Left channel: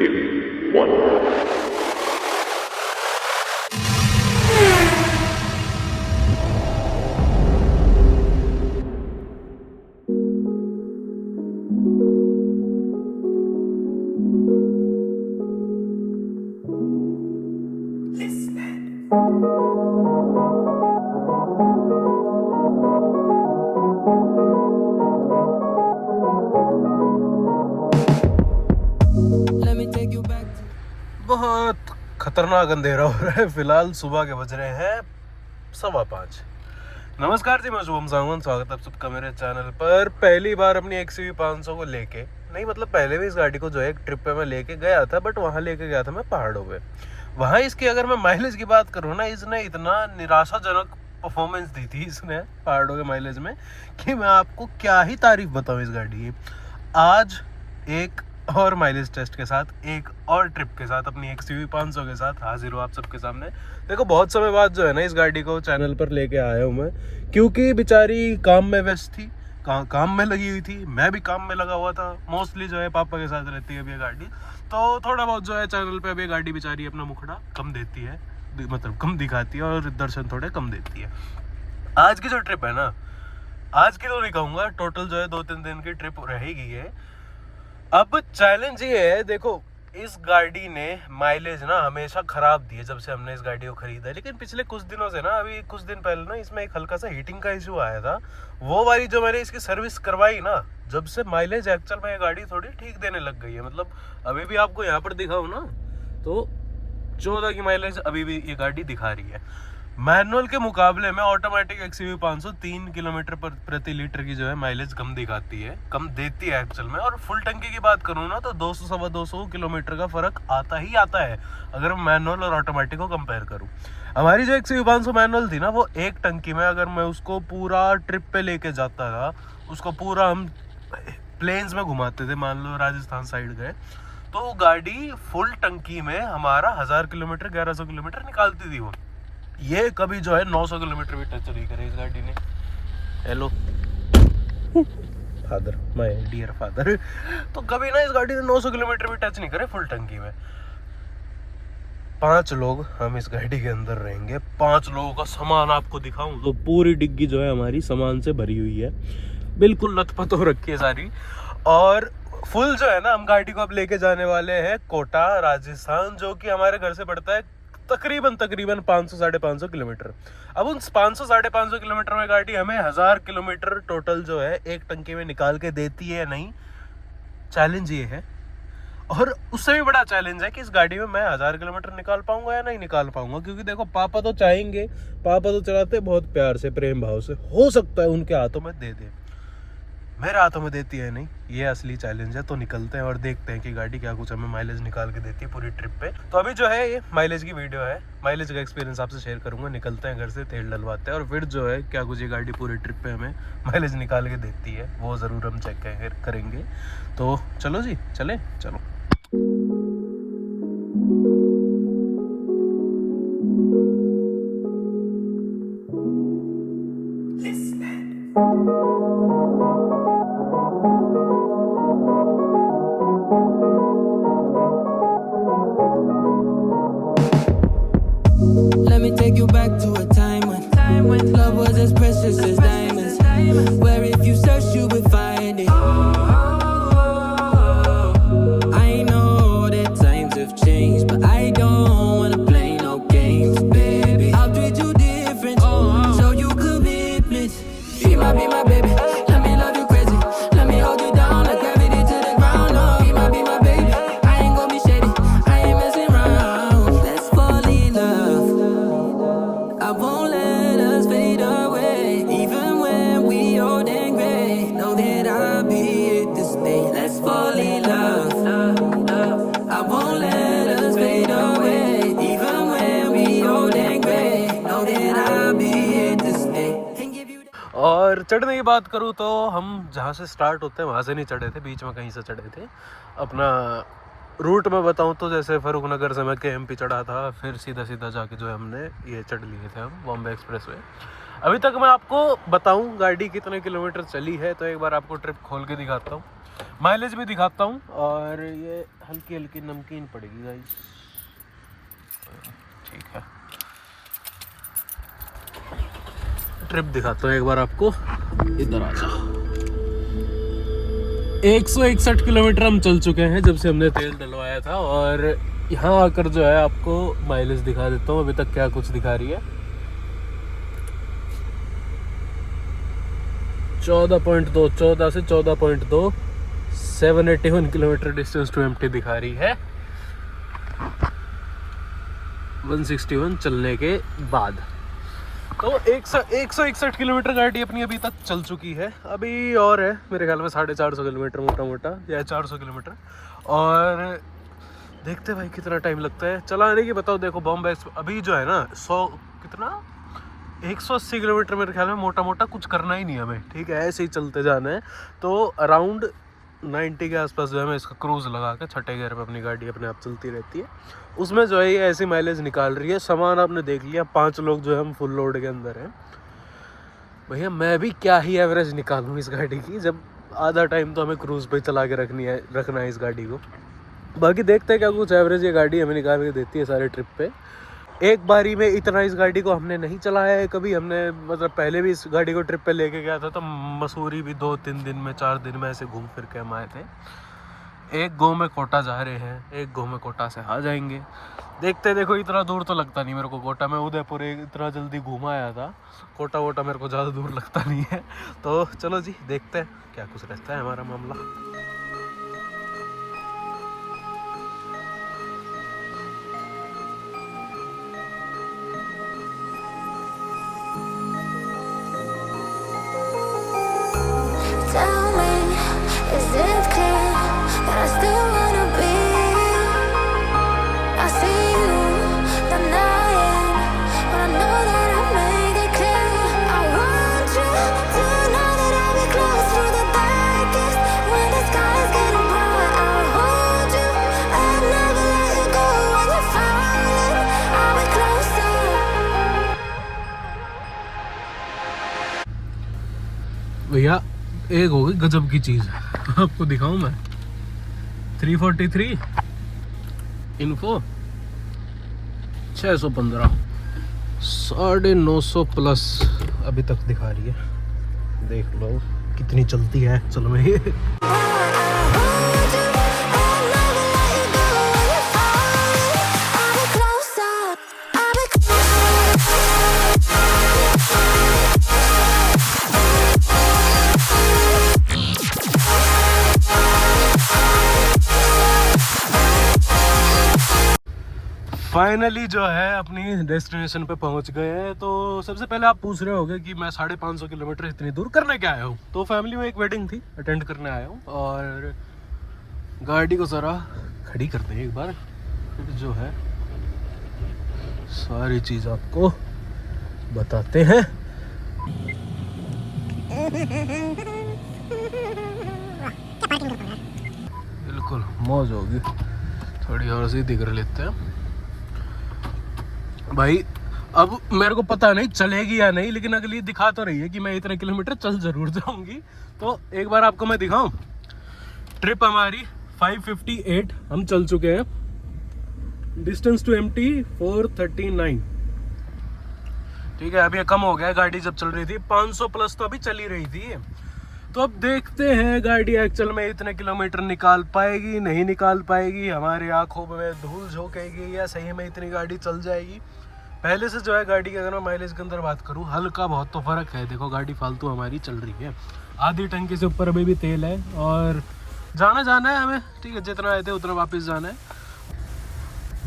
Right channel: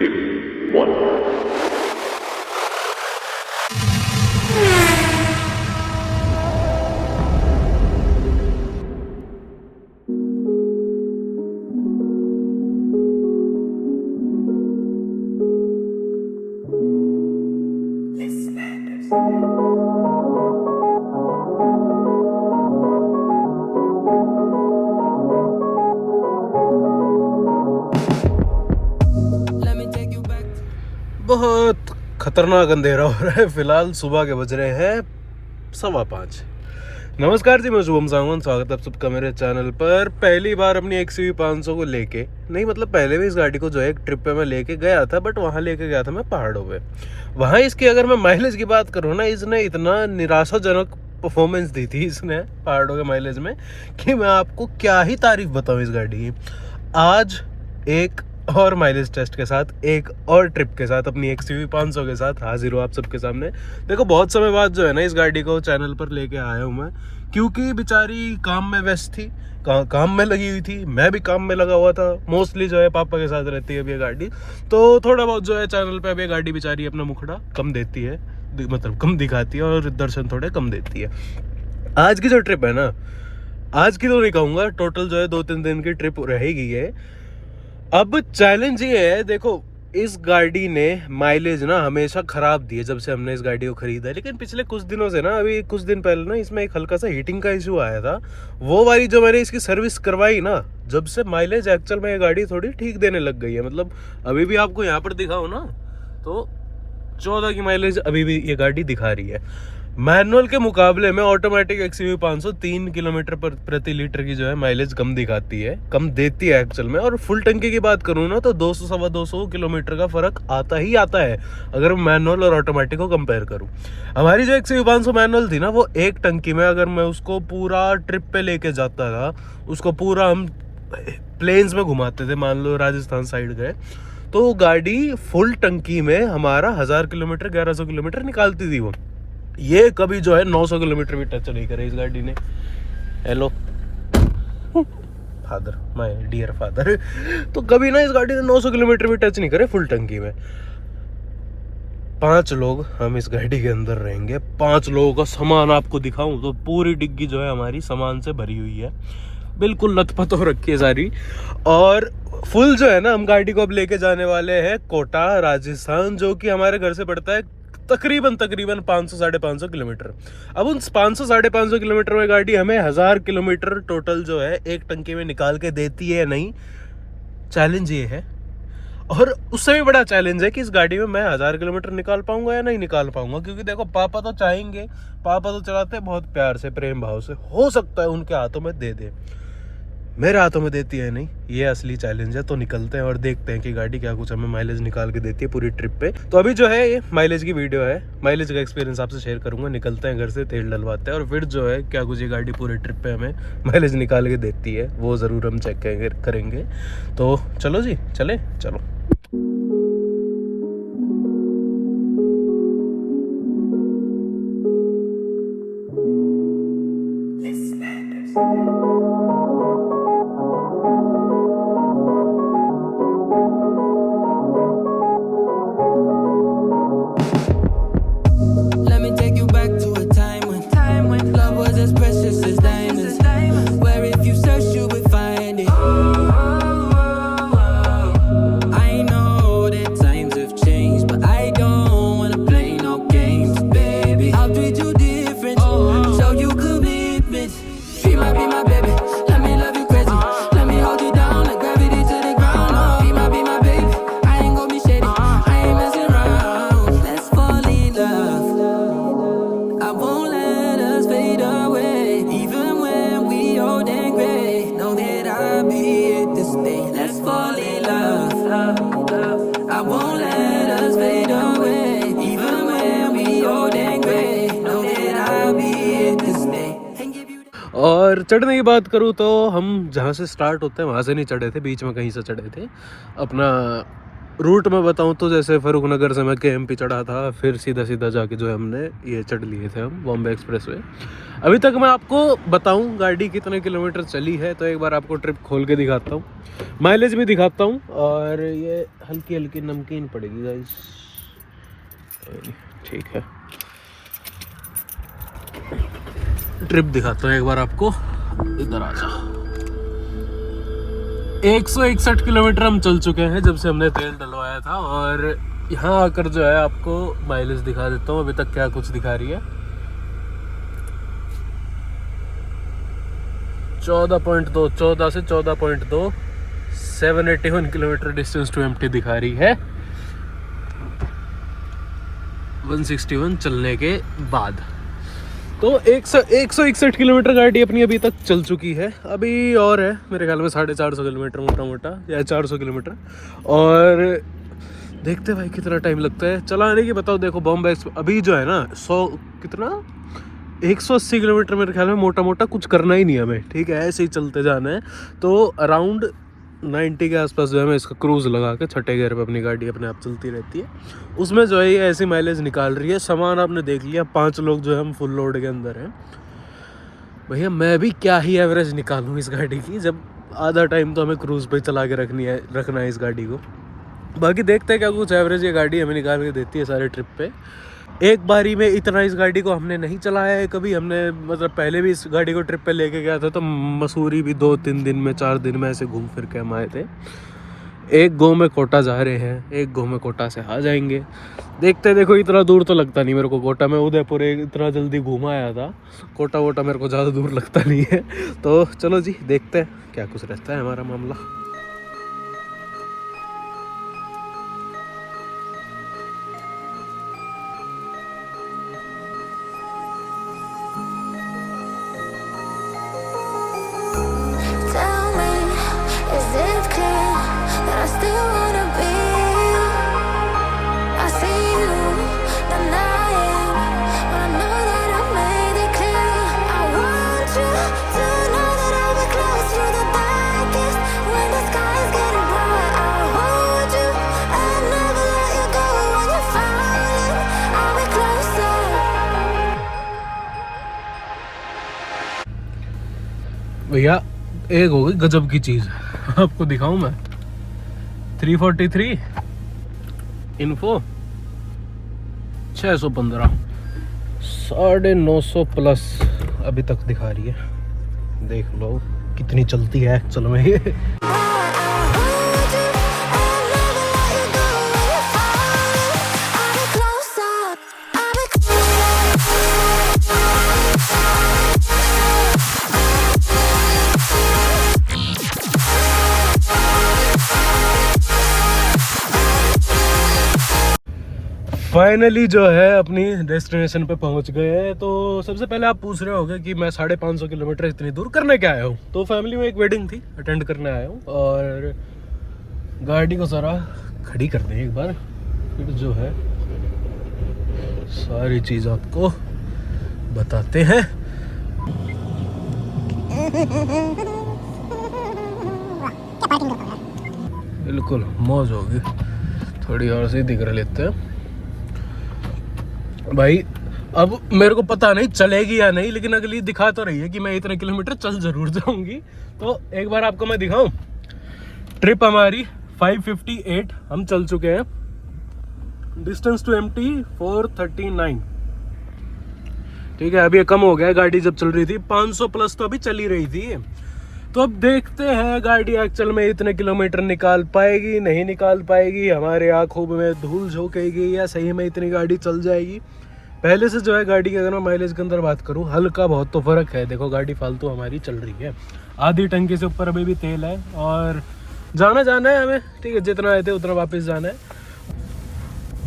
2, 1. बहुत खतरनाक अंधेरा हो रहा है। फिलहाल सुबह के बज रहे हैं 5:15। नमस्कार जी, मैं शुभम सांगवान, स्वागत है आप सबका मेरे चैनल पर। पहली बार अपनी XUV 500 को लेके नहीं, मतलब पहले भी इस गाड़ी को जो है एक ट्रिप पे मैं लेके गया था, बट वहाँ लेके गया था मैं पहाड़ों पे। वहाँ इसकी अगर मैं माइलेज की बात करूँ ना, इसने इतना निराशाजनक परफॉर्मेंस दी थी इसने पहाड़ों के माइलेज में कि मैं आपको क्या ही तारीफ बताऊँ इस गाड़ी की। आज एक और माइलेज टेस्ट के साथ, एक और ट्रिप के साथ, अपनी XUV 500 के साथ हाजिर हूँ आप सबके सामने। देखो, बहुत समय बाद जो है ना इस गाड़ी को चैनल पर लेके आया हूँ मैं, क्योंकि बेचारी काम में व्यस्त थी, काम में लगी हुई थी, मैं भी काम में लगा हुआ था। मोस्टली जो है पापा के साथ रहती है अब ये गाड़ी, तो थोड़ा बहुत जो है चैनल पे अब ये गाड़ी बेचारी अपना मुखड़ा कम देती है, मतलब कम दिखाती है और दर्शन थोड़े कम देती है। आज की जो ट्रिप है ना, आज की तो नहीं कहूँगा, टोटल जो है 2-3 दिन की ट्रिप रहेगी ये। अब चैलेंज ये है, देखो इस गाड़ी ने माइलेज ना हमेशा खराब दी है जब से हमने इस गाड़ी को खरीदा है, लेकिन पिछले कुछ दिनों से ना, अभी कुछ दिन पहले ना इसमें एक हल्का सा हीटिंग का इशू आया था। वो वाली जो मैंने इसकी सर्विस करवाई ना, जब से माइलेज एक्चुअल में ये गाड़ी थोड़ी ठीक देने लग गई है। मतलब अभी भी आपको यहाँ पर दिखाओ ना, तो 14 की माइलेज अभी भी ये गाड़ी दिखा रही है। मैनुअल के मुकाबले में ऑटोमेटिक XUV 500 3 किलोमीटर प्रति लीटर की जो है माइलेज कम दिखाती है, कम देती है एक्चुअल में। और फुल टंकी की बात करूँ ना, तो 200-250 किलोमीटर का फर्क आता ही आता है अगर मैनुअल और ऑटोमेटिक को कंपेयर करूँ। हमारी जो XUV 500 मैनुअल थी ना, वो एक टंकी में अगर मैं उसको पूरा ट्रिप पे लेके जाता था, उसको पूरा हम प्लेन्स में घुमाते थे, मान लो राजस्थान साइड गए, तो गाड़ी फुल टंकी में हमारा 1000 किलोमीटर 1100 किलोमीटर निकालती थी वो। ये कभी जो है 900 किलोमीटर भी टच नहीं करे इस गाड़ी ने। Hello father, my dear father. तो कभी ना इस गाड़ी ने 900 किलोमीटर भी टच नहीं करे फुल टंकी में। 5 लोग हम इस गाड़ी के अंदर रहेंगे। 5 लोगों का सामान आपको दिखाऊं तो पूरी डिग्गी जो है हमारी सामान से भरी हुई है, बिल्कुल लथपथ हो रखी है सारी। और फुल जो है ना, हम गाड़ी को अब लेके जाने वाले हैं कोटा राजस्थान, जो कि हमारे घर से पड़ता है तकरीबन 500-550 किलोमीटर। अब उन 500-550 किलोमीटर में गाड़ी हमें 1000 किलोमीटर टोटल जो है एक टंकी में निकाल के देती है नहीं, चैलेंज ये है। और उससे भी बड़ा चैलेंज है कि इस गाड़ी में मैं 1000 किलोमीटर निकाल पाऊंगा या नहीं निकाल पाऊंगा, क्योंकि देखो पापा तो चाहेंगे, पापा तो चलाते हैं बहुत प्यार से, प्रेम भाव से, हो सकता है उनके हाथों में दे दे, मेरे हाथों में देती है नहीं। ये असली चैलेंज है। तो निकलते हैं और देखते हैं कि गाड़ी क्या कुछ हमें माइलेज निकाल के देती है पूरी ट्रिप पे। तो अभी जो है ये माइलेज की वीडियो है, माइलेज का एक्सपीरियंस आपसे शेयर करूंगा। निकलते हैं घर से, तेल डलवाते हैं और फिर जो है क्या कुछ ये गाड़ी पूरे ट्रिप पे हमें माइलेज निकाल के देती है वो ज़रूर हम चेक करेंगे। तो चलो जी, चलो। Let me take you back to a time when love was as precious as diamonds, where if you search you would find it. I know that times have changed, but I don't wanna play no games, baby. I'll treat you different, show you commitment. She might be my baby, let me love you crazy, let me hold you down like gravity to the ground. Oh, she might be my baby, I ain't gonna be shady, I ain't messing around. Let's fall in love, I won't let us fade away, even when we old and gray. Know that I'll be here to stay. Let's fall in love, I won't let us fade away, even when we old and gray. Know that I'll be here to stay. और चढ़ने की बात करूँ तो हम जहाँ से start होते हैं वहाँ से नहीं चढ़े थे, बीच में कहीं से चढ़े थे। अपना रूट में बताऊँ तो जैसे फरुखनगर से मैं KMP चढ़ा था, फिर सीधा जाके जो है हमने ये चढ़ लिए थे हम बॉम्बे एक्सप्रेस वे। अभी तक मैं आपको बताऊं गाड़ी कितने किलोमीटर चली है, तो एक बार आपको ट्रिप खोल के दिखाता हूँ, माइलेज भी दिखाता हूँ, और ये हल्की हल्की नमकीन पड़ेगी गाइस। ठीक है, ट्रिप दिखाता हूँ एक बार आपको, इधर आ जाओ। 161 किलोमीटर हम चल चुके हैं जब से हमने तेल डलवाया था, और यहाँ आकर जो है आपको माइलेज दिखा देता हूँ अभी तक क्या कुछ दिखा रही है। 14.2, 14 से 14.2, 781 किलोमीटर डिस्टेंस टू एम्प्टी दिखा रही है 161 चलने के बाद। तो 161 किलोमीटर गाड़ी अपनी अभी तक चल चुकी है। अभी और है मेरे ख्याल में 450 किलोमीटर मोटा मोटा, या 400 किलोमीटर, और देखते भाई कितना टाइम लगता है चलाने की। बताओ, देखो बॉम्बे अभी जो है ना 100 कितना 180 किलोमीटर मेरे ख्याल में मोटा मोटा कुछ करना ही नहीं है हमें, ठीक है, ऐसे ही चलते जाना है। तो अराउंड 90 के आसपास जो है मैं इसका क्रूज़ लगा के छठे गियर पे अपनी गाड़ी अपने आप चलती रहती है, उसमें जो है ये ऐसी माइलेज निकाल रही है। सामान आपने देख लिया, 5 लोग जो है हम फुल लोड के अंदर हैं। भैया मैं भी क्या ही एवरेज निकालूँ इस गाड़ी की, जब आधा टाइम तो हमें क्रूज़ पे चला के रखना है इस गाड़ी को। बाकी देखते हैं क्या कुछ एवरेज ये गाड़ी हमें निकाल के देती है सारे ट्रिप पे। एक बारी में इतना इस गाड़ी को हमने नहीं चलाया है कभी, हमने मतलब पहले भी इस गाड़ी को ट्रिप पे लेके गया था, तो मसूरी भी 2-3 दिन में 4 दिन में ऐसे घूम फिर के हम आए थे। एक गो में कोटा जा रहे हैं, एक गो में कोटा से आ जाएंगे, देखते हैं। देखो इतना दूर तो लगता नहीं मेरे को कोटा, में उदयपुर इतना जल्दी घूमा आया था, कोटा वोटा मेरे को ज़्यादा दूर लगता नहीं है। तो चलो जी देखते हैं क्या कुछ रहता है हमारा मामला। Tell me, is it clear that I still wanna be? I see you denying when I know that I made it clear. I want you to know that I'll be close through the darkest when the sky is getting bright. I'll hold you and never let you go when you're falling. I'll be closer. भैया एक होगी गजब की चीज आपको दिखाऊं मैं। 343 info 615 950 plus अभी तक दिखा रही है, देख लो कितनी चलती है एक्चुअल में ये। फाइनली जो है अपनी डेस्टिनेशन पे पहुंच गए हैं। तो सबसे पहले आप पूछ रहे होंगे कि मैं 550 किलोमीटर इतनी दूर करने क्या आया हूँ। तो फैमिली में एक वेडिंग थी, अटेंड करने आया हूँ, और गाड़ी को ज़रा खड़ी कर दें एक बार, फिर जो है सारी चीज़ आपको बताते हैं। बिल्कुल मौज होगी, थोड़ी और सीधी कर लेते हैं भाई। अब मेरे को पता नहीं चलेगी या नहीं, लेकिन अगली दिखा तो रही है कि मैं इतने किलोमीटर चल जरूर जाऊंगी। तो एक बार आपको मैं दिखाऊं, ट्रिप हमारी 558 हम चल चुके हैं, डिस्टेंस टू एम्प्टी 439, ठीक है। अभी ये कम हो गया, गाड़ी जब चल रही थी 500 प्लस तो अभी चली रही थी। तो अब देखते हैं गाड़ी एक्चुअल में इतने किलोमीटर निकाल पाएगी नहीं निकाल पाएगी, हमारे आंखों में धूल झोंकेगी, या सही में इतनी गाड़ी चल जाएगी। पहले से जो है गाड़ी की अगर मैं माइलेज के अंदर बात करूं, हल्का बहुत तो फ़र्क है। देखो गाड़ी फालतू हमारी चल रही है, आधी टंकी से ऊपर अभी भी तेल है, और जाना है हमें, ठीक है, जितना आए थे उतना वापस जाना है।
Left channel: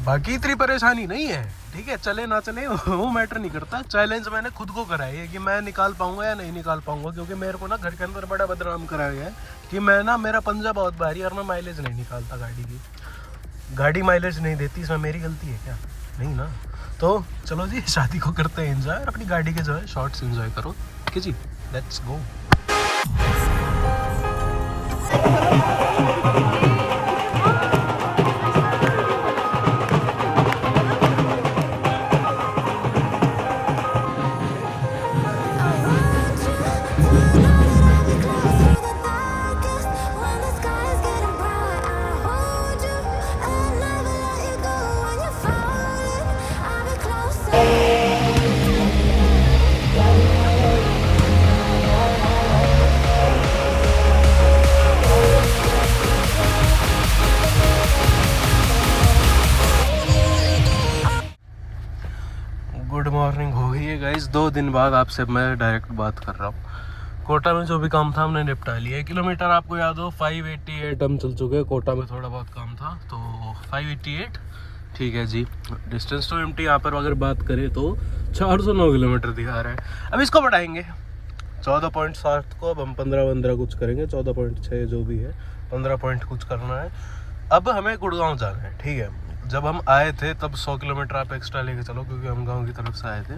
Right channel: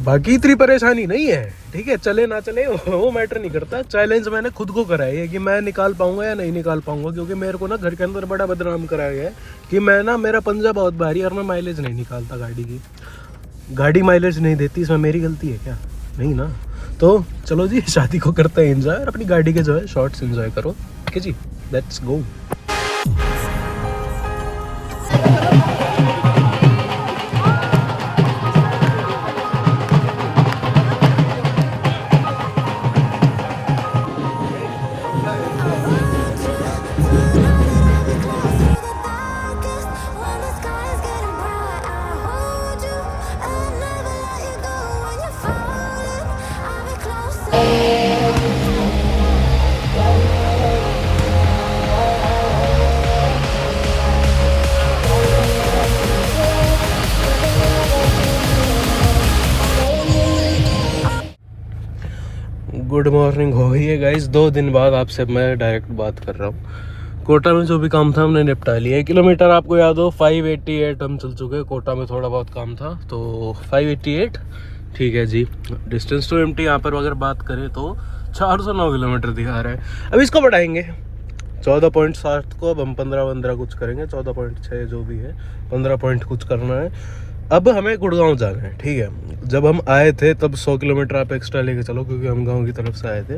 बाकी इतनी परेशानी नहीं है, ठीक है, चले ना चले वो मैटर नहीं करता। चैलेंज मैंने खुद को कराया है कि मैं निकाल पाऊंगा या नहीं निकाल पाऊंगा, क्योंकि मेरे को ना घर के अंदर बड़ा बदनाम कराया गया है कि मैं ना, मेरा पंजा बहुत भारी और मैं माइलेज नहीं निकालता गाड़ी की। गाड़ी माइलेज नहीं देती, इसमें मेरी गलती है क्या? नहीं ना। तो चलो जी शादी को करते हैं एंजॉय, और अपनी गाड़ी के जो है शॉर्ट्स एंजॉय करो, ठीक है जी, लेट्स गो। मॉर्निंग हो गई है गाइस। 2 दिन बाद आपसे मैं डायरेक्ट बात कर रहा हूँ। कोटा में जो भी काम था हमने निपटा लिया है। किलोमीटर आपको याद हो 588 हम चल चुके हैं। कोटा में थोड़ा बहुत काम था तो 588 ठीक है जी। डिस्टेंस टू एमटी यहाँ पर अगर बात करें तो 409 किलोमीटर दिखा रहा है। अब इसको बढ़ाएंगे 14.7 को। अब हम 15 कुछ करेंगे, 14.6 जो भी है, 15 पॉइंट कुछ करना है। अब हमें गुड़गांव जाना है, ठीक है। जब हम आए थे तब 100 किलोमीटर आप एक्स्ट्रा लेके चलो क्योंकि हम गांव की तरफ से आए थे।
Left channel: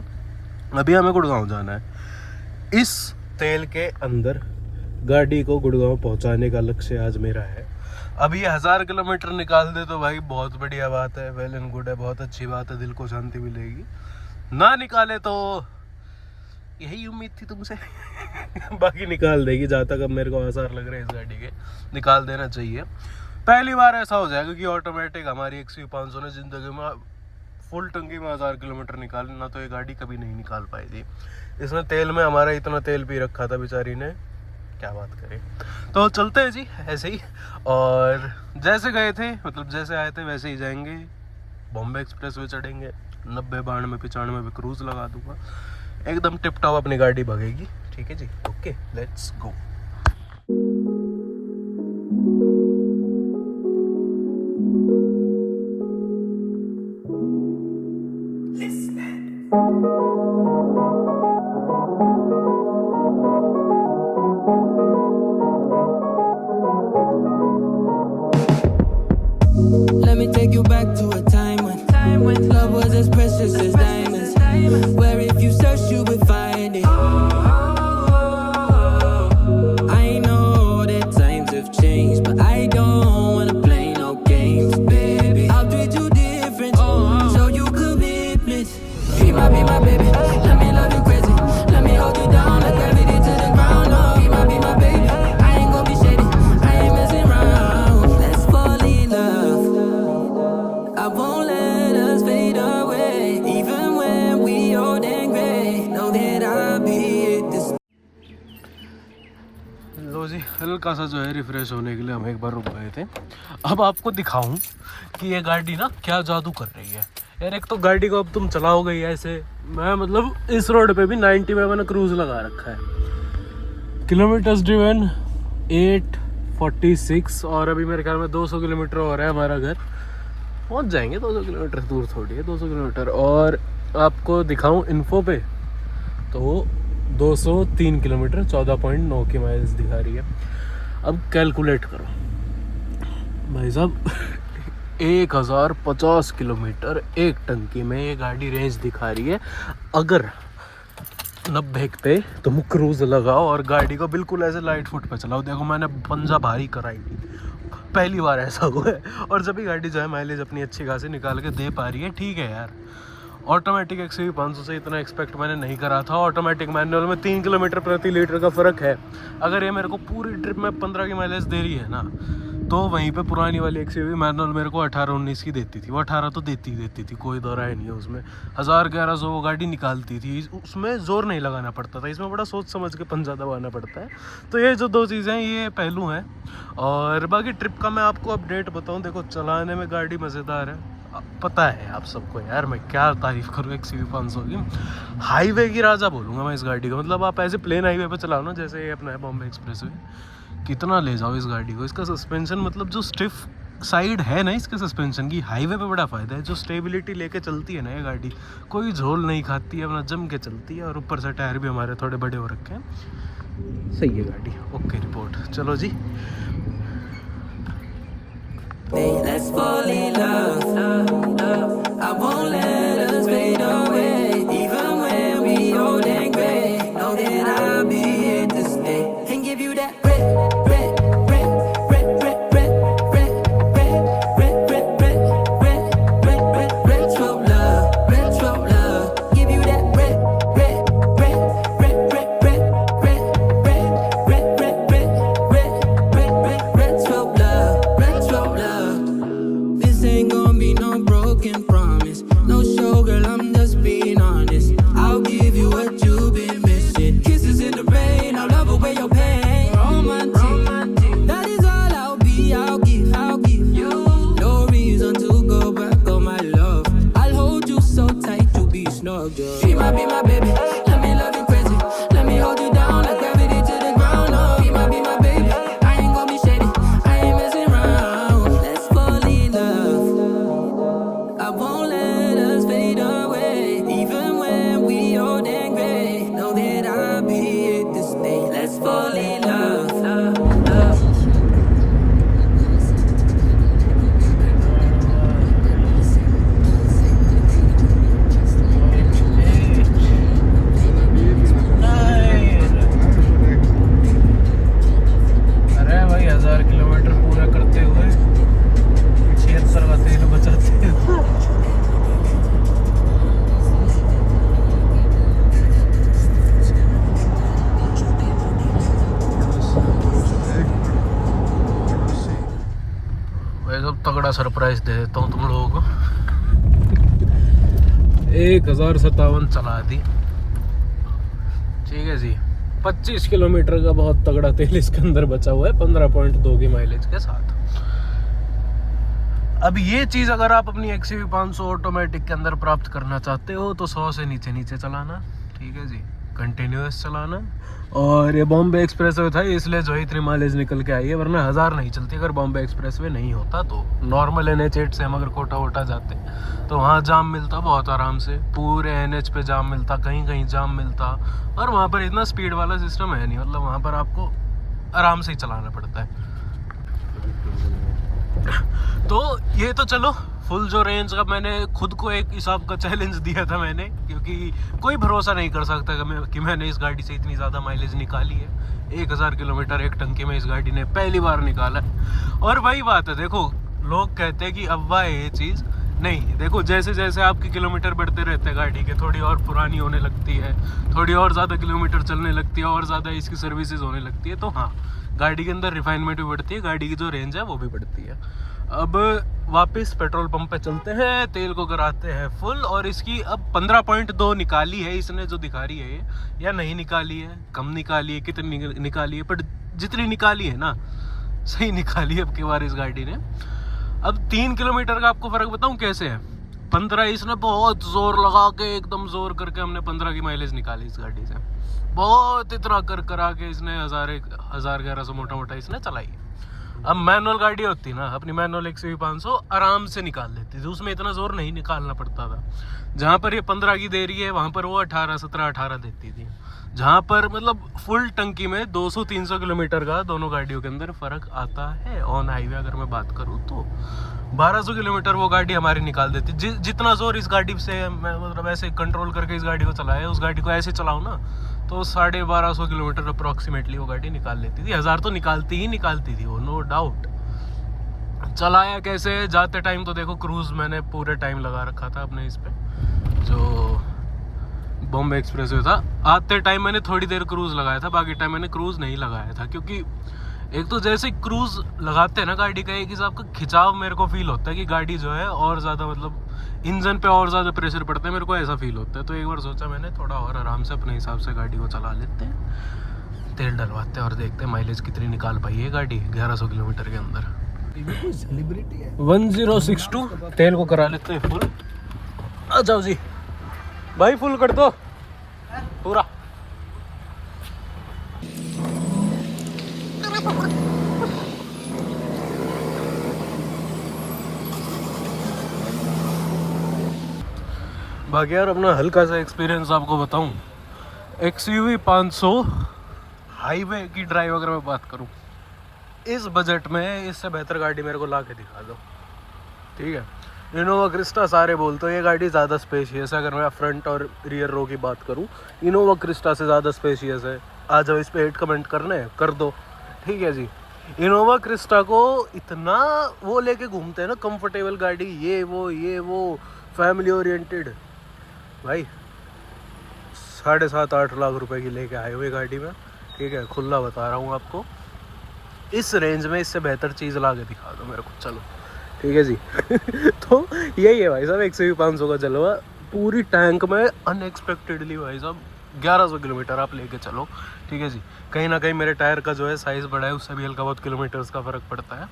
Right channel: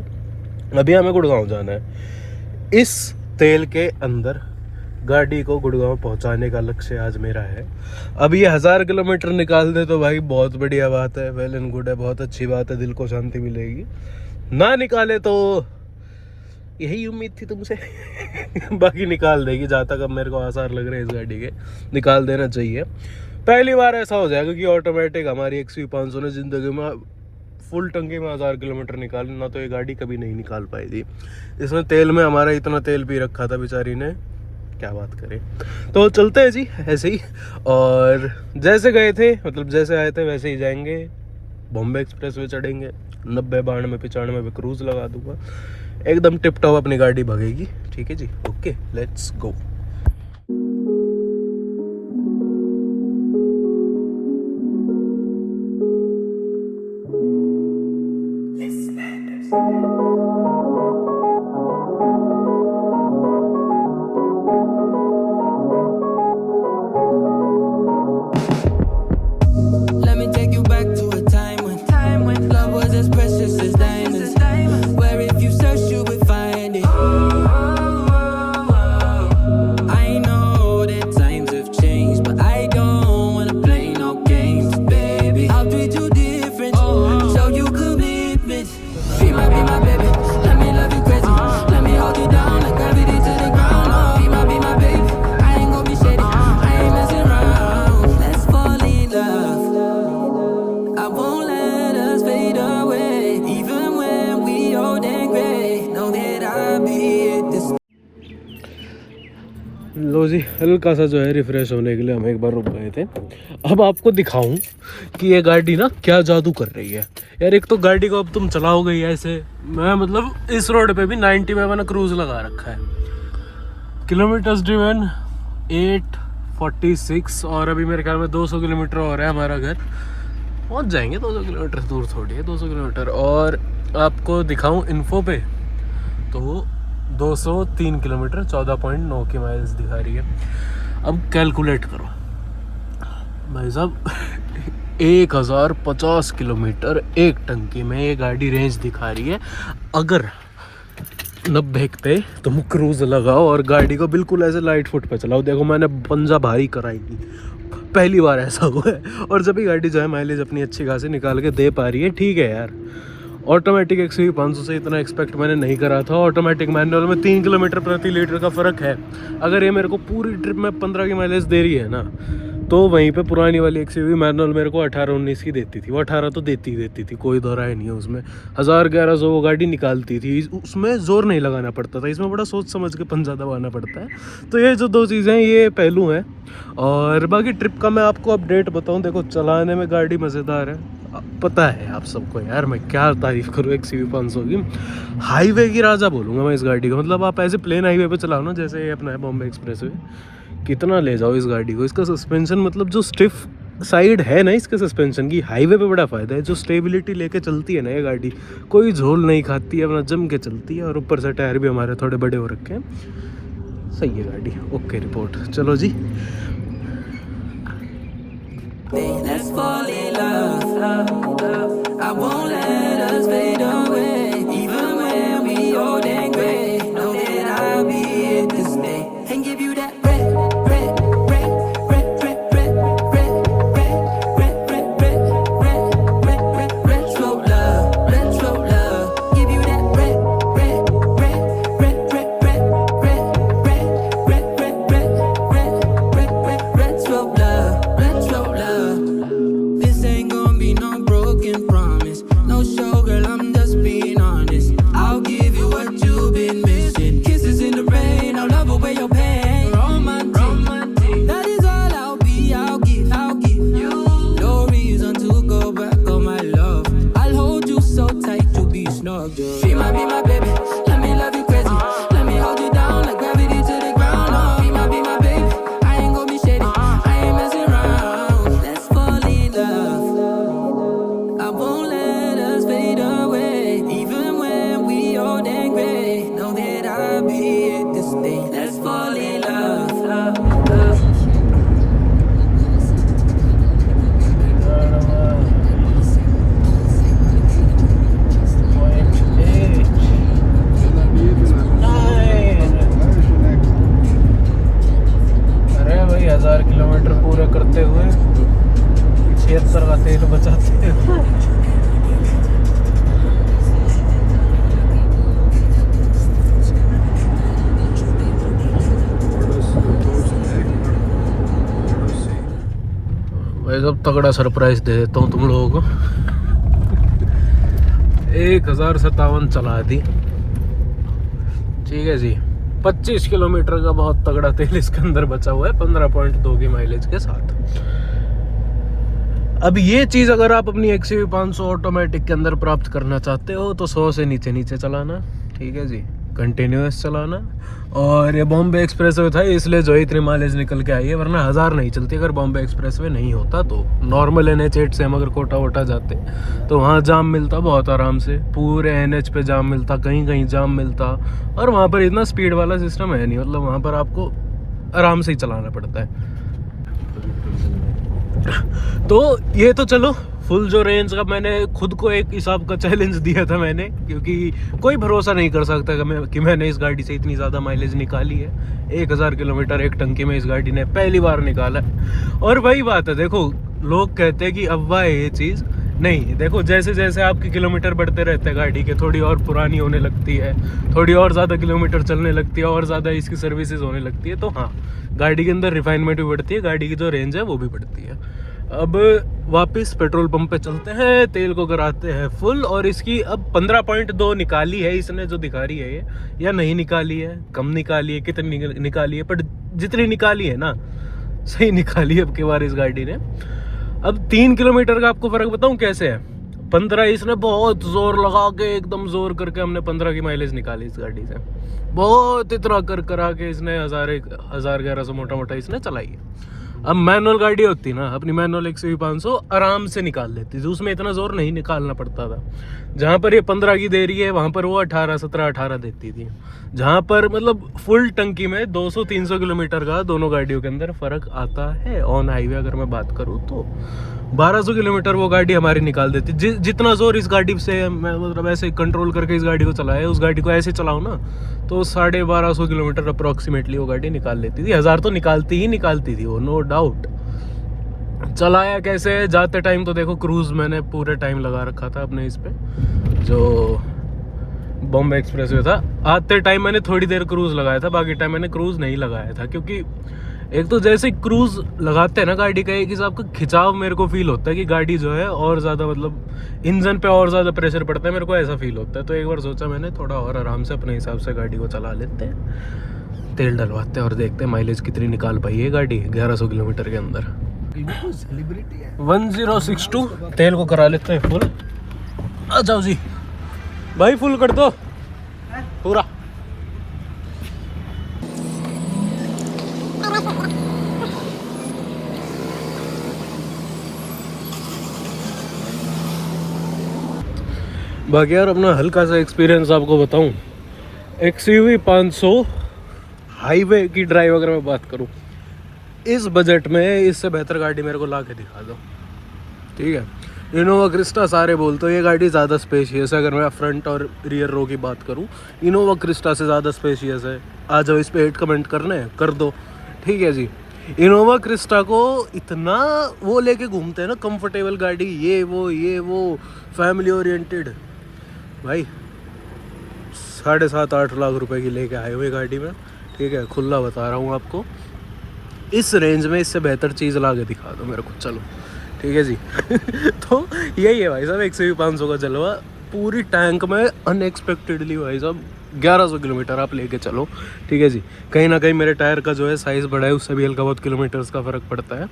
अभी हमें गुड़गांव जाना है। इस तेल के अंदर गाड़ी को गुड़गांव पहुंचाने का लक्ष्य आज मेरा है। अब ये 1000 किलोमीटर निकाल दे तो भाई बहुत बढ़िया बात है, वेल एंड गुड है, बहुत अच्छी बात है, दिल को शांति मिलेगी। ना निकाले तो यही उम्मीद थी तुमसे बाकी निकाल देगी। जहाँ तक अब मेरे को आसार लग रहे हैं इस गाड़ी के, निकाल देना चाहिए। पहली बार ऐसा हो जाएगा कि ऑटोमेटिक हमारी XUV 500 ने ज़िंदगी में फुल टंकी में 1000 किलोमीटर निकाल, ना तो ये गाड़ी कभी नहीं निकाल पाई थी। इसमें तेल में हमारा इतना तेल भी रखा था बेचारी ने, क्या बात करें। तो चलते हैं जी ऐसे ही, और जैसे गए थे मतलब जैसे आए थे वैसे ही जाएंगे। बॉम्बे एक्सप्रेस वे चढ़ेंगे, 90, 92, 95 पे क्रूज़ लगा दूंगा, एकदम टिप टॉप अपनी गाड़ी भगेगी। ठीक है जी, okay let's go. Let me take you back to a time when love was as precious as diamonds, where if you search you would find it. I know that times have changed, but I don't wanna play no games, baby. I'll treat you different, show you commitment. Be my baby, let me love you crazy, let me hold you down like gravity to the ground. Oh, be my baby, I ain't gonna be shady, I ain't messing around. Let's fall in love, I won't let us fade away, even when we old and gray. Know that I'll be at this. लो जी, हल्का सा जो है refresh होने के लिए हम एक बार रुक गए थे। अब आपको दिखाऊं कि ये गाड़ी ना क्या जादू कर रही है यार। एक तो गाड़ी को अब तुम चलाओगे ही ऐसे, मैं मतलब इस रोड पे भी 90 में मैंने क्रूज लगा रखा है। किलोमीटर्स ड्रिवन 846, और अभी मेरे ख्याल में 200 किलोमीटर हो रहा है हमारा घर। पहुंच जाएंगे 200 किलोमीटर दूर, थोड़ी है 200 किलोमीटर। और आपको दिखाऊं इन्फो पे तो 203 किलोमीटर 14.9 की माइल्स दिखा रही है। अब कैलकुलेट करो भाई साहब 1050 किलोमीटर एक टंकी में ये गाड़ी रेंज दिखा रही है। अगर 90 पे तुम क्रूज लगाओ और गाड़ी को बिल्कुल ऐसे लाइट फुट पे चलाओ, देखो मैंने पंजा भारी कराई थी, पहली बार ऐसा हुआ है। और जब भी गाड़ी जो है माइलेज अपनी अच्छी खासी निकाल के दे पा रही है, ठीक है यार। ऑटोमेटिक XUV 500 से इतना एक्सपेक्ट मैंने नहीं करा था। ऑटोमेटिक मैनुअल में 3 किलोमीटर प्रति लीटर का फ़र्क है। अगर ये मेरे को पूरी ट्रिप में 15 की माइलेज दे रही है ना, तो वहीं पे पुरानी वाली XUV मैनुअल मेरे को 18-19 की देती थी। वो 18 तो देती थी, कोई दो राय नहीं है उसमें। 1000-1100 वो गाड़ी निकालती थी, उसमें ज़ोर नहीं लगाना पड़ता था। इसमें बड़ा सोच समझ के पंजा दबाना पड़ता है। तो ये जो 2 चीज़ें हैं, ये पहलू हैं। और बाकी ट्रिप का मैं आपको अपडेट बताऊँ, देखो चलाने में गाड़ी मज़ेदार है, पता है आप सबको यार। मैं क्या तारीफ़ करूँ XUV 500 की, हाईवे की राजा बोलूँगा मैं इस गाड़ी को। मतलब आप ऐसे प्लेन हाईवे पे चलाओ ना, जैसे ये अपना है बॉम्बे एक्सप्रेस वे, कितना ले जाओ इस गाड़ी को। इसका सस्पेंशन मतलब जो स्टिफ साइड है ना इसके सस्पेंशन की, हाईवे पे बड़ा फ़ायदा है। जो स्टेबिलिटी लेके चलती है ना ये गाड़ी, कोई झोल नहीं खाती है, अपना जम के चलती है। और ऊपर से टायर भी हमारे थोड़े बड़े हो रखे हैं, सही है गाड़ी। ओके रिपोर्ट, चलो जी। Let's fall in love, I won't let us fade away, even when we old and gray. Know that I'll be here to stay and give you that retro love. Give you that retro love. This ain't gonna be no broken promise, no show, girl, I'm just being honest. I'll give you what you've been missing. Kisses in the rain, I'll love away your pain. Romantic, that is all I'll give you. No reason to go back on my love. I'll hold you so tight, you'll be snoring. dog drugs. She might be my baby, let me love you crazy. Let me hold you down like gravity to the ground. Oh, she might be my baby, I ain't gon' be shady. I ain't messing around. Let's fall in love. I won't let us fade away. Even when we old and gray, know that I'll be here to stay. Let's fall in love. अरे भाई 1000 kilometre पूरे करते हुए 76 का तेल बचाते हैं। भाई सब तगड़ा सरप्राइज दे देता हूँ तुम लोगों को। 1057 चला दी, ठीक है जी। 25 किलोमीटर का बहुत तगड़ा तेल इसके अंदर बचा हुआ है 15.2 की माइलेज के साथ। अब ये चीज़ अगर आप अपनी XUV 500 ऑटोमेटिक के अंदर प्राप्त करना चाहते हो तो 100 से नीचे नीचे चलाना, ठीक है जी, कंटिन्यूअस चलाना। और ये बॉम्बे एक्सप्रेस वे था इसलिए जो इतनी माइलेज निकल के आई है, वरना 1000 नहीं चलती अगर बॉम्बे एक्सप्रेस वे नहीं होता तो। नॉर्मल NH8 से हम अगर कोटा वोटा जाते तो वहाँ जाम मिलता बहुत आराम से, पूरे NH पे जाम मिलता, कहीं कहीं जाम मिलता। और वहाँ पर इतना स्पीड वाला सिस्टम है नहीं, मतलब वहाँ पर आपको आराम से ही चलाना पड़ता है। तो ये तो चलो फुल जो रेंज का मैंने खुद को एक हिसाब का चैलेंज दिया था मैंने, क्योंकि कोई भरोसा नहीं कर सकता कि मैंने इस गाड़ी से इतनी ज़्यादा माइलेज निकाली है। 1000 किलोमीटर एक टंकी में इस गाड़ी ने पहली बार निकाला है। और वही बात है, देखो लोग कहते हैं कि अफवाह है ये चीज़, नहीं, देखो जैसे जैसे आपके किलोमीटर बढ़ते रहते हैं गाड़ी के, थोड़ी और पुरानी होने लगती है, थोड़ी और ज़्यादा किलोमीटर चलने लगती है, और ज़्यादा इसकी सर्विसेज होने लगती है, तो हाँ गाड़ी के अंदर रिफाइनमेंट भी बढ़ती है, गाड़ी की जो रेंज है वो भी बढ़ती है। अब वापस पेट्रोल पंप पे चलते हैं, तेल को कराते हैं फुल। और इसकी अब 15.2 निकाली है इसने, जो दिखा रही है ये, या नहीं निकाली है, कम निकाली है, कितनी निकाली है, पर जितनी निकाली है ना सही निकाली है अब की बार इस गाड़ी ने। अब 3 किलोमीटर का आपको फ़र्क बताऊं कैसे है। 15 इसने बहुत जोर लगा के, एकदम जोर करके हमने 15 की माइलेज निकाली इस गाड़ी से, बहुत इतना कर करा के इसने 1100 मोटा मोटा इसने चलाई है। अब मैनुअल गाड़ी होती ना, अपनी मैनुअल XUV 500 आराम से निकाल लेती थी, उसमें इतना जोर नहीं निकालना पड़ता था। जहाँ पर ये 15 की दे रही है वहाँ पर वो 18 देती थी। जहाँ पर मतलब फुल टंकी में 200-300 किलोमीटर का दोनों गाड़ियों के अंदर फ़र्क आता है। ऑन हाईवे अगर मैं बात करूँ तो 1200 किलोमीटर वो गाड़ी हमारी निकाल देती। जितना जोर इस गाड़ी से मैं मतलब ऐसे कंट्रोल करके इस गाड़ी को चलाया, उस गाड़ी को ऐसे चलाऊँ ना तो 1250 किलोमीटर अप्रॉक्सीमेटली वो गाड़ी निकाल लेती थी। 1000 तो निकालती थी वो, नो डाउट। चलाया कैसे, जाते टाइम तो देखो क्रूज़ मैंने पूरे टाइम लगा रखा था अपने इस पे, जो बॉम्बे एक्सप्रेस वे था। आते टाइम मैंने थोड़ी देर क्रूज़ लगाया था, बाकी टाइम मैंने क्रूज़ नहीं लगाया था, क्योंकि एक तो जैसे क्रूज़ लगाते हैं ना गाड़ी का, एक हिसाब का खिंचाव मेरे को फील होता है कि गाड़ी जो है और ज़्यादा मतलब इंजन पे और ज़्यादा प्रेशर पड़ता है, मेरे को ऐसा फील होता है। तो एक बार सोचा मैंने थोड़ा और आराम से अपने हिसाब से गाड़ी को चला लेते हैं, तेल डलवाते हैं और देखते हैं माइलेज कितनी निकाल पाई है गाड़ी 1100 किलोमीटर के अंदर। 1062 तेल को करा लेते हैं फुल। आ जाओ जी भाई, फुल कर दो पूरा। बाकी यार अपना हल्का सा एक्सपीरियंस आपको बताऊं, XUV 500 हाईवे की ड्राइव अगर मैं बात करूं इस बजट में, इससे बेहतर गाड़ी मेरे को ला के दिखा दो, ठीक है। इनोवा क्रिस्टा सारे बोलते हो ये गाड़ी ज़्यादा स्पेशियस है। अगर मैं फ्रंट और रियर रो की बात करूं, इनोवा क्रिस्टा से ज़्यादा स्पेशियस है। आ जाओ इस पे हेट कमेंट करने कर दो, ठीक है जी। इनोवा क्रिस्टा को इतना वो लेके घूमते हैं ना, कंफर्टेबल गाड़ी, ये वो फैमिली ओरिएंटेड। भाई 7.5-8 लाख रुपए की लेके आए हुए गाड़ी में, ठीक है, खुला बता रहा हूँ आपको। इस रेंज में इससे बेहतर चीज़ ला के दिखा दो मेरे को, चलो ठीक है जी। तो यही है भाई साहब XUV 500 का जलवा, पूरी टैंक में अनएक्सपेक्टेडली भाई साहब 1100 किलोमीटर आप लेके चलो, ठीक है जी। कहीं ना कहीं मेरे टायर का जो है साइज़ बड़ा है, उससे भी हल्का बहुत किलोमीटर्स का फ़र्क पड़ता है।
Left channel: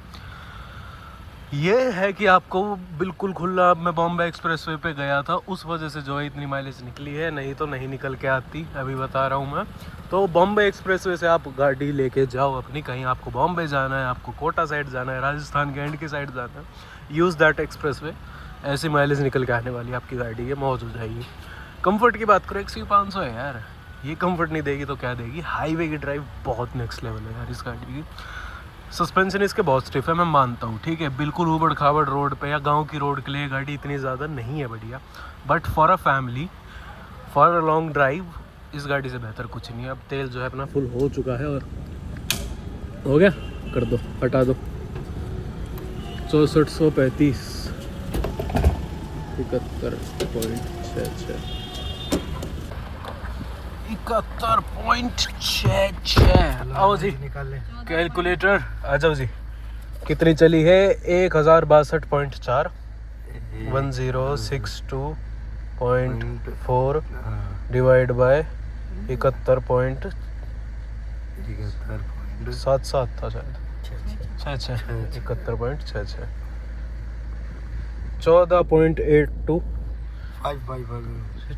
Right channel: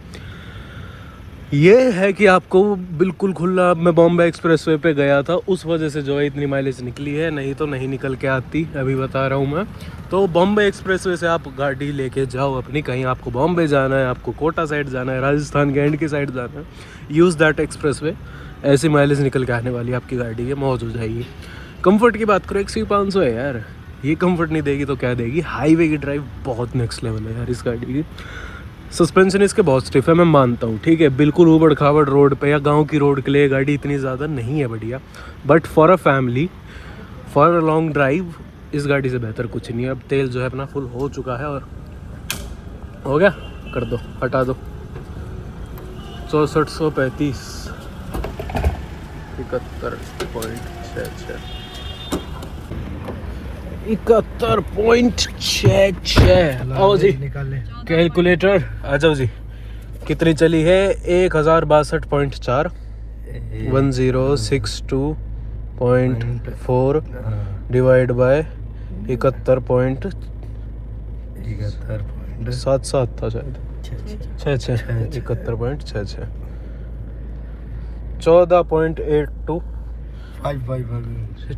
ये है कि आपको बिल्कुल खुला, मैं बॉम्बे एक्सप्रेसवे पे गया था उस वजह से जो है इतनी माइलेज निकली है, नहीं तो नहीं निकल के आती, अभी बता रहा हूँ मैं। तो बॉम्बे एक्सप्रेसवे से आप गाड़ी लेके जाओ अपनी, कहीं आपको बॉम्बे जाना है, आपको कोटा साइड जाना है, राजस्थान के एंड की साइड जाना है, यूज़ दैट एक्सप्रेसवे, ऐसी माइलेज निकल के आने वाली आपकी गाड़ी है, मौज हो जाएगी। कंफर्ट की बात करो, XUV500 है यार, ये कंफर्ट नहीं देगी तो क्या देगी। हाईवे की ड्राइव बहुत नेक्स्ट लेवल है यार इस गाड़ी की। सस्पेंशन इसके बहुत स्टिफ है, मैं मानता हूँ, ठीक है, बिल्कुल ऊबड़ खाबड़ रोड पे या गांव की रोड के लिए गाड़ी इतनी ज़्यादा नहीं है बढ़िया, but for a family, for a long drive इस गाड़ी से बेहतर कुछ नहीं है। अब तेल जो है अपना फुल हो चुका है और हो गया, कर दो, हटा दो। 6435 71.66 71.66। आओ जी कैलकुलेटर आ जाओ जी, कितनी चली है? 1062.4 1062.4 डिवाइड बाय 71.77 था शायद, 71.66 14.82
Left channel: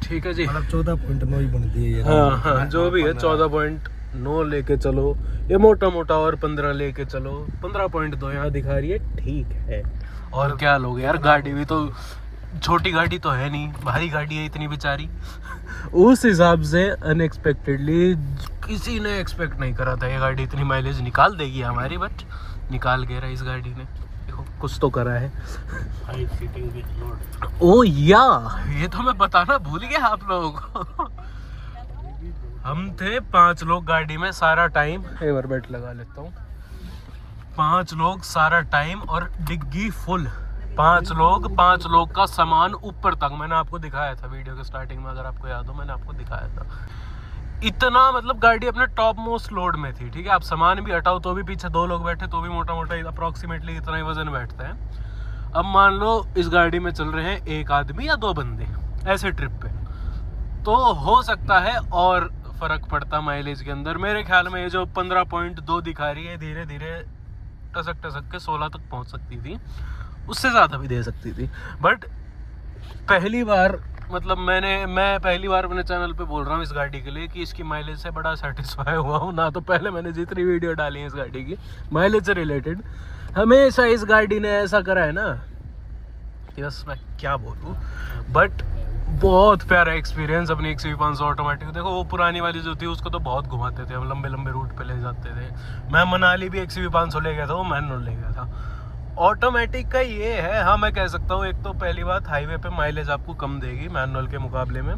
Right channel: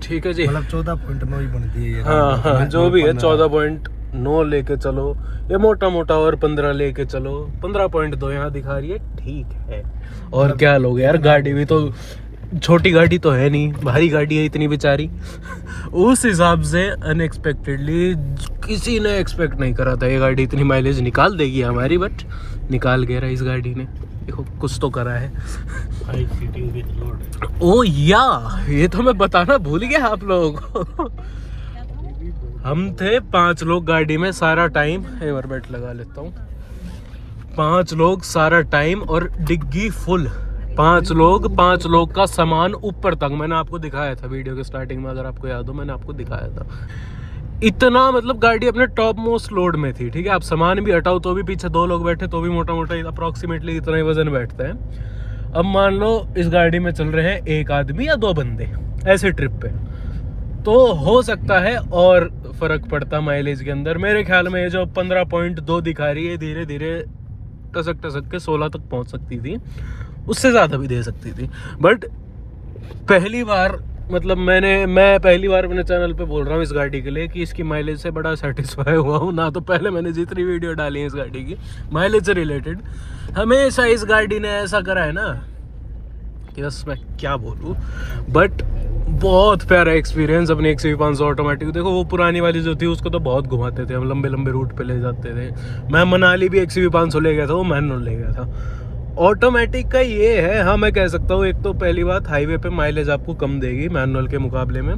ठीक है जी, मतलब 14.9 ही बनती है ये। हाँ हाँ जो भी है 14.9 लेके चलो, ये मोटा मोटा, और 15 लेके चलो, 15.2 यहाँ दिखा रही है, ठीक है। और क्या लोगे यार, गाड़ी भी तो छोटी गाड़ी तो है नहीं, भारी गाड़ी है इतनी बेचारी। उस हिसाब से अनएक्सपेक्टेडली किसी ने एक्सपेक्ट नहीं करा था ये गाड़ी इतनी माइलेज निकाल देगी हमारी, बट निकाल के रहा इस गाड़ी ने, देखो कुछ तो करा है। ओ या ये तो मैं बताना भूल गया आप लोगों को। हम थे 5 लोग गाड़ी में सारा टाइम, हैमर बेल्ट लगा लेता हूँ, 5 लोग सारा टाइम और डिग्गी फुल, 5 लोग का सामान ऊपर तक, मैंने आपको दिखाया था वीडियो के स्टार्टिंग में, अगर आपको याद हो मैंने आपको दिखाया था। इतना मतलब गाड़ी अपने टॉप मोस्ट लोड में थी, ठीक है, आप सामान भी हटाओ तो भी पीछे 2 लोग बैठे तो भी मोटा मोटा अप्रोक्सीमेटली इतना ही वजन बैठता है। अब मान लो इस गाड़ी में चल रहे हैं 1 आदमी या 2 बंदे ऐसे ट्रिप पे, तो हो सकता है और फर्क पड़ता माइलेज के अंदर। मेरे ख्याल में ये जो 15.2 दिखा रही है, धीरे धीरे टसक के 16 तक पहुंच सकती थी, उससे ज़्यादा भी दे सकती थी। बट पहली बार, मतलब मैं पहली बार अपने चैनल पे बोल रहा हूँ इस गाड़ी के लिए कि इसकी माइलेज से बड़ा सेटिस्फाई हुआ हूँ ना। तो पहले मैंने जितनी वीडियो डाली है इस गाड़ी की माइलेज से रिलेटेड, हमेशा इस गाड़ी ने ऐसा करा है ना कि बस मैं क्या बोलूँ, बट बहुत प्यारा एक्सपीरियंस अपनी XUV500 ऑटोमेटिक। देखो वो पुरानी वाली जो थी उसको तो बहुत घुमाते थे हम, लंबे लंबे रूट पे ले जाते थे। मैं मनाली भी XUV500 ले गया था, वो मैनुअल ले गया था। ऑटोमेटिक का ये है, हाँ मैं कह सकता हूँ, एक तो पहली बात हाईवे पे माइलेज आपको कम देगी मैनुअल के मुकाबले में।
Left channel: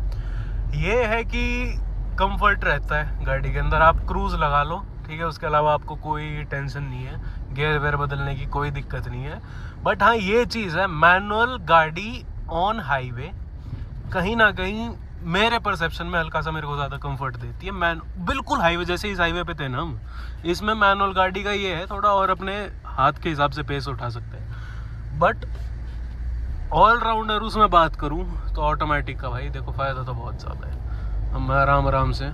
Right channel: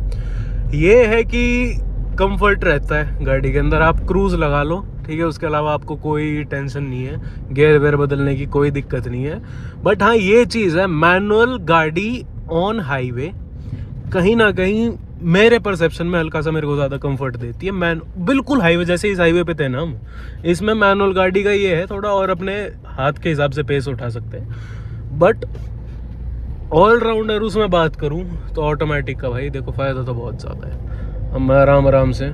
ये है कि कंफर्ट रहता है गाड़ी के अंदर, आप क्रूज लगा लो, ठीक है, उसके अलावा आपको कोई टेंशन नहीं है, गेयर वेयर बदलने की कोई दिक्कत नहीं है। बट हाँ ये चीज़ है, मैनुअल गाड़ी ऑन हाईवे कहीं ना कहीं मेरे परसेप्शन में हल्का सा मेरे को ज़्यादा कंफर्ट देती है। मैं बिल्कुल हाईवे जैसे इस हाईवे पे थे ना हम, इसमें मैनुअल गाड़ी का ये है थोड़ा और अपने हाथ के हिसाब से पेस उठा सकते हैं। बट ऑलराउंडर उसमें बात करूं तो ऑटोमेटिक का भाई देखो फ़ायदा तो बहुत ज़्यादा है। हम आराम से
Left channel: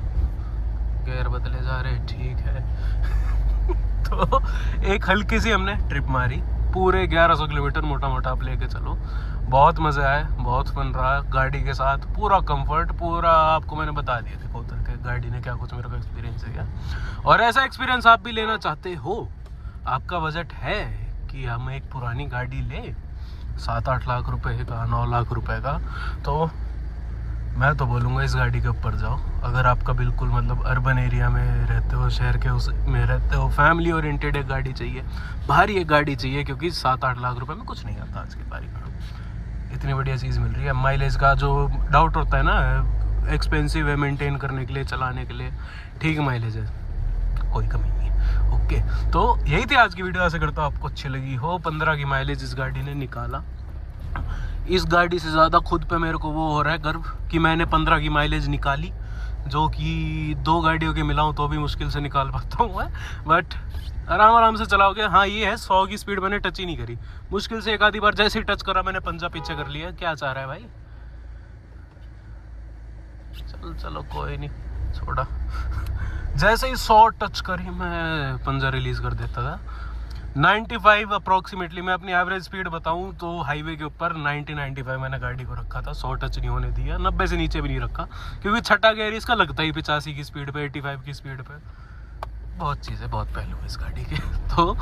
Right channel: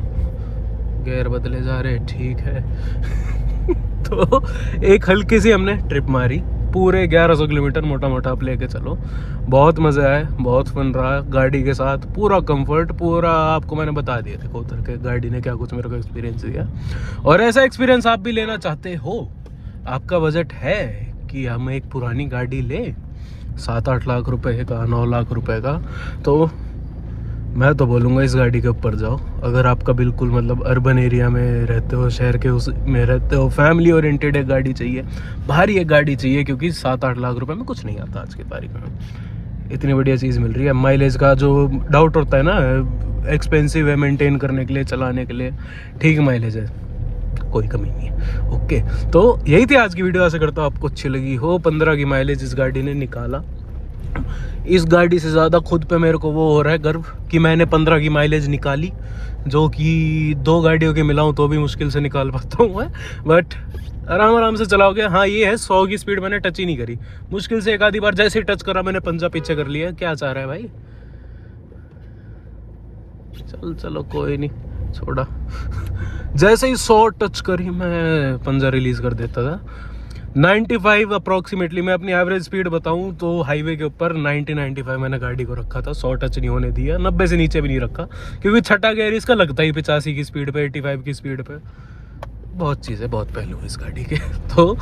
गेयर बदले जा रहे हैं, ठीक है। तो एक हल्की सी हमने ट्रिप मारी, पूरे 1100 किलोमीटर मोटा मोटा आप लेके चलो, बहुत मज़ा आया, बहुत फन रहा गाड़ी के साथ, पूरा कंफर्ट, पूरा आपको मैंने बता दिया देखो उतर के गाड़ी ने क्या कुछ मेरे को एक्सपीरियंस दिया। और ऐसा एक्सपीरियंस आप भी लेना चाहते हो, आपका बजट है कि हम एक पुरानी गाड़ी लें 7-8 लाख रुपए का, 9 लाख रुपए का, तो मैं तो बोलूँगा इस गाड़ी के ऊपर जाओ। अगर आपका बिल्कुल मतलब अर्बन एरिया में रहते हो, शहर के उस में रहते हो, फैमिली ओरिएंटेड एक गाड़ी चाहिए, भारी एक गाड़ी चाहिए, क्योंकि 7-8 लाख रुपए में कुछ नहीं आता आज की तारीख में। इतनी बढ़िया चीज़ मिल रही है। माइलेज का जो डाउट होता है ना, एक्सपेंसिव है मेंटेन करने के लिए, चलाने के लिए, ठीक माइलेज है, कोई कमी नहीं है। ओके, तो यही थी आज की वीडियो, आशा करता हूँ आपको अच्छी लगी हो। 15 की माइलेज इस गाड़ी ने निकाला। इस गाड़ी से ज़्यादा खुद पे मेरे को वो हो रहा है गर्व कि मैंने 15 की माइलेज निकाली, जो कि 2 गाड़ियों के मिलाऊं तो भी मुश्किल से निकाल पाता हूँ मैं। बट आराम से चलाओगे। हाँ ये है 100 की स्पीड मैंने टच ही नहीं करी, मुश्किल से एक आधी बार जैसे ही टच करा मैंने पंजा पीछे कर लिया। क्या चाह रहा है भाई, चलो कोई नहीं, छोड़ा। जैसे ही 100 टच करी मैं पंजा रिलीज कर देता था। 95 अप्रॉक्सीमेटली, मैं अपनी एवरेज स्पीड बताऊं तो हाईवे के ऊपर 90-95 मैंने गाड़ी को रखा था, 100 टच नहीं होने दिया, 90 से नीचे भी नहीं रखा, क्योंकि छठा गियर इसका लगता ही 85 की स्पीड पे, 85 की स्पीड पे। बहुत चीज़ें, बहुत पहलू है इस गाड़ी के। तो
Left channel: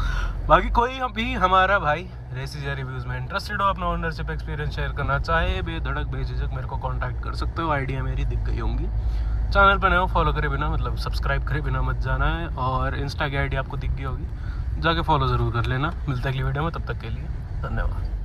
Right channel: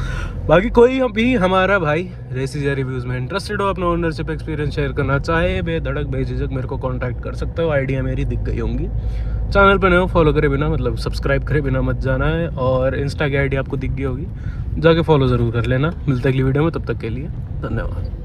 बाकी कोई भी हमारा भाई रेसिस या रिव्यूज़ में इंटरेस्टेड हो, अपना ओनरशिप एक्सपीरियंस शेयर करना चाहे, बेधड़क बेझिझक मेरे को कांटेक्ट कर सकते हो, आइडिया मेरी दिख गई होंगी। चैनल पर नए हो, फॉलो करे बिना, मतलब सब्सक्राइब करे बिना मत जाना है, और इंस्टा की आईडी आपको दिख गई होगी, जाके फॉलो ज़रूर कर लेना। मिलते अगली वीडियो में, तब तक के लिए धन्यवाद।